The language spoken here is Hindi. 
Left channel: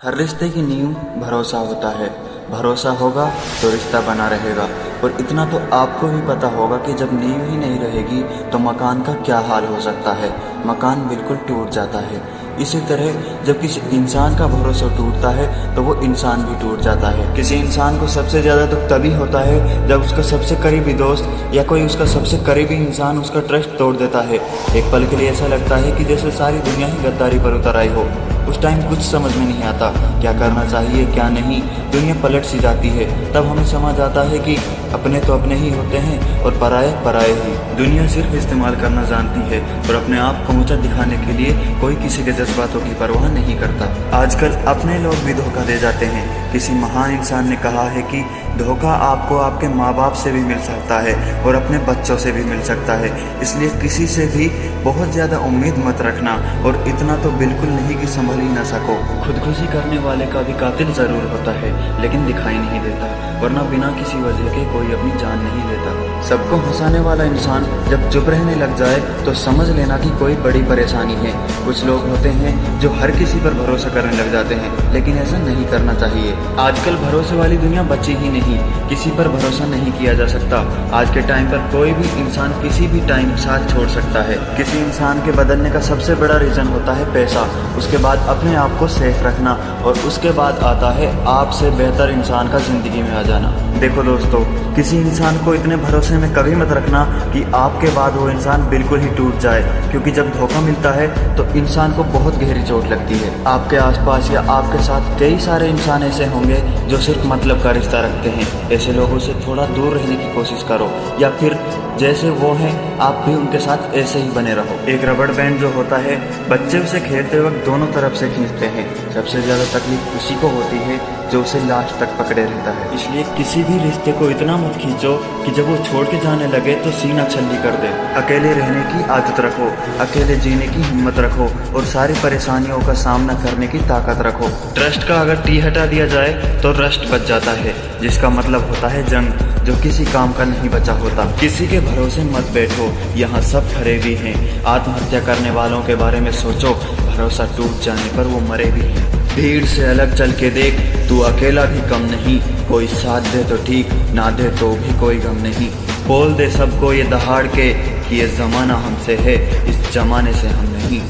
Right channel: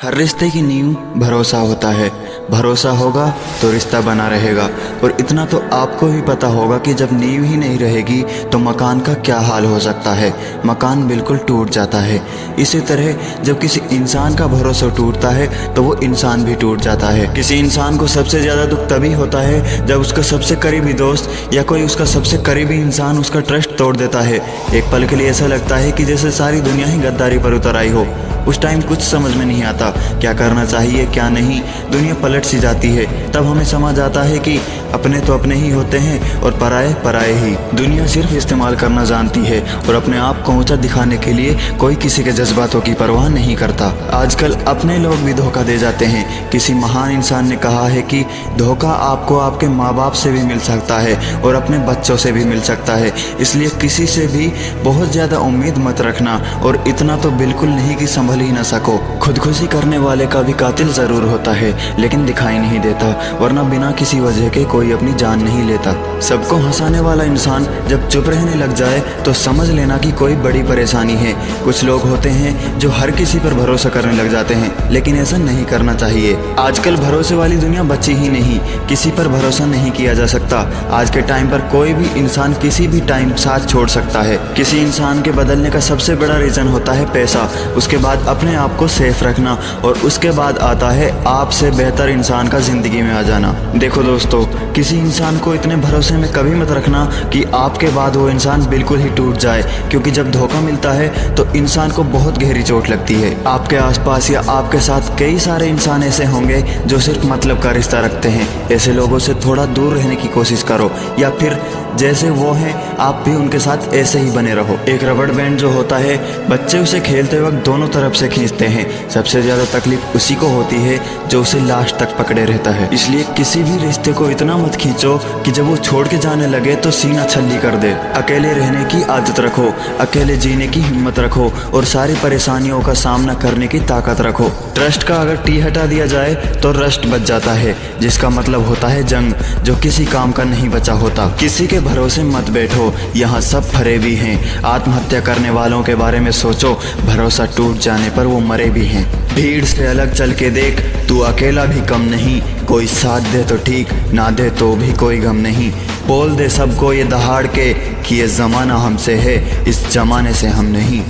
हर रिश्ते की नींव भरोसा होता है। भरोसा होगा तो रिश्ता बना रहेगा। और इतना तो आपको भी पता होगा कि जब नींव ही नहीं रहेगी तो मकान का क्या हाल हो सकता है। मकान बिल्कुल टूट जाता है। इसी तरह जब किसी इंसान का भरोसा टूटता है तो वो इंसान भी टूट जाता है। किसी इंसान को सबसे ज़्यादा दुख तभी होता है जब उसका सबसे करीबी दोस्त या कोई उसका सबसे करीबी इंसान उसका ट्रस्ट तोड़ देता है। एक पल के लिए ऐसा लगता है कि जैसे सारी दुनिया ही गद्दारी पर उतर आई हो। उस टाइम कुछ समझ में नहीं आता क्या करना चाहिए क्या नहीं। दुनिया पलट सी जाती है। तब हमें समझ आता है कि अपने तो अपने ही होते हैं और पराए पराए ही। दुनिया सिर्फ इस्तेमाल करना जानती है और अपने आप को ऊंचा दिखाने के लिए कोई किसी के जज्बातों की परवाह नहीं करता। आजकल अपने लोग भी धोखा दे जाते हैं। किसी महान इंसान ने कहा है कि धोखा आपको आपके माँ बाप से भी मिल सकता है और अपने बच्चों से भी मिल सकता है। इसलिए किसी से भी बहुत ज़्यादा उम्मीद मत रखना और इतना तो बिल्कुल नहीं कि संभल ही ना सको। खुदकुशी करने वाले का भी कातिल ज़रूर होता है लेकिन दिखाई नहीं देता, वरना बिना किसी वजह के कोई अपनी जान नहीं लेता। सबको हंसाने वाला इंसान जब चुप रहने लग जाए तो समझ लेना कि कोई बड़ी परेशानी है। कुछ लोग होते हैं जो हर किसी पर भरोसा करने लग जाते हैं, लेकिन ऐसा नहीं करना चाहिए। आजकल भरोसे वाली दुनिया बची ही नहीं। किसी पर भरोसा नहीं किया जा सकता। आज के टाइम पर कोई भी इंसान किसी भी टाइम साथ छोड़ सकता है। किसी इंसान के बदलने का सबसे बड़ा रीज़न होता है पैसा, उसके बाद अपने आप को सेफ रखना और उसके बाद आता है आपसे बेहतर इंसान का जिंदगी में आ जाना। देखो दोस्तों, किसी इंसान को इतने भरोसे में कभी मत रखना कि आपके बाद वो इंसान बिल्कुल ही टूट जाए, क्योंकि जब धोखा मिलता है तो इंसान को बहुत गहरी चोट लगती है। आपके आसपास या आपके साथ कई सारे इंसान ऐसे होंगे जो सिर्फ मतलब का रिश्ता रखते हैं। ऐसे लोगों से थोड़ा दूर रहने की कोशिश करो, या फिर जैसे वो हैं आप भी उनके साथ ऐसे ही बने रहो। एक रबड़ बैंड जो होता है, बच्चे उसे खेलते वक्त दोनों तरफ से खींचते हैं। सबसे ज़्यादा तकलीफ उसी को होती है जो उसे लास्ट तक पकड़े रहता है। इसलिए किसी भी रिश्ते को इतना मत खींचो कि जब वो छोड़ के जाने लगे तो सीना छल्ली कर दे। अकेले रहने की आदत रखो, अकेले जीने की हिम्मत रखो और सारी परेशानियों का सामना करने की ताकत रखो। ट्रस्ट का अगर टी हटा दिया जाए तो रस्ट बच जाता है, जिसका मतलब होता है जंग, जो किसी काम का नहीं बचा होता। किसी के भरोसे मत बैठो, यहाँ सब फरेबी हैं। आत्महत्या करने वालों के बारे में सोचो, भरोसा टूट जाने पर वो मरे भी हैं। भीड़ से अलग चल के देख, तू अकेला भी कम नहीं। कोई साथ दे तो ठीक, ना दे तो भी कोई गम नहीं। बोल दे सबको ये दहाड़ के कि ये ज़माना हमसे है, इस ज़माने से हम नहीं।